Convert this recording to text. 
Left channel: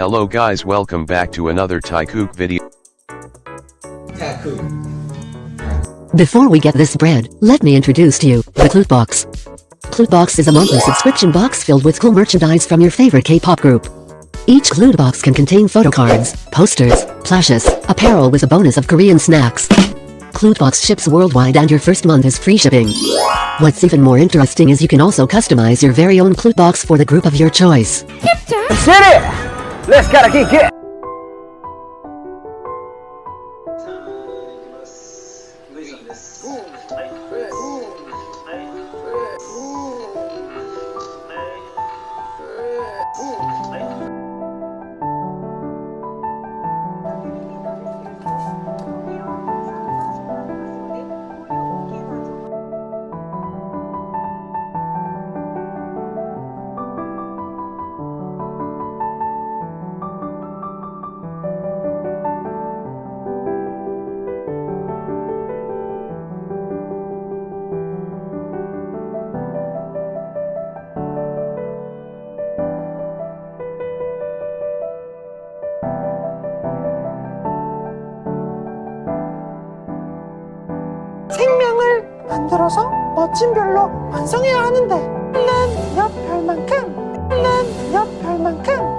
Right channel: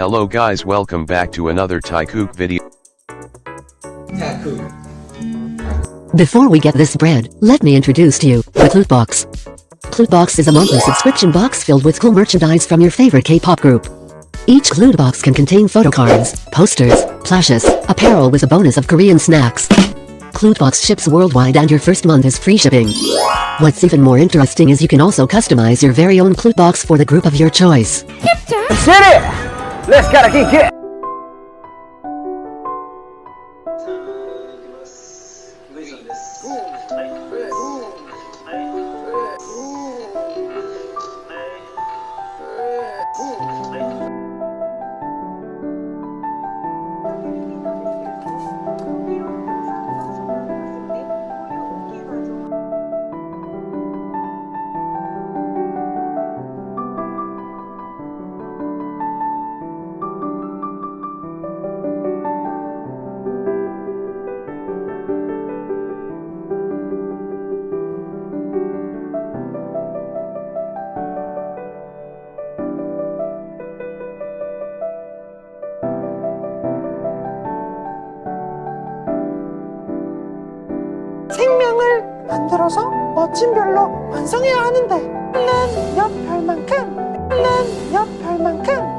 Hello guys, welcome back to another Taekook video. Before we get this bread, let me introduce to you the KLOOT box. KLOOT box is a monthly subscription box filled with cool merchandise from your favorite K-pop group. Each KLOOT box can contain photo cards, posters, plushes, apparel with a bonus of Korean snacks. KLOOT box ships worldwide and your first month is free shipping. What's even more interesting is you can also customize your very own KLOOT box for the group of your choice. Let's hit it! Let's gotta kick it! 생명을 만들어서 멋진 별로 완성해야 하는데 는 옆 별만큼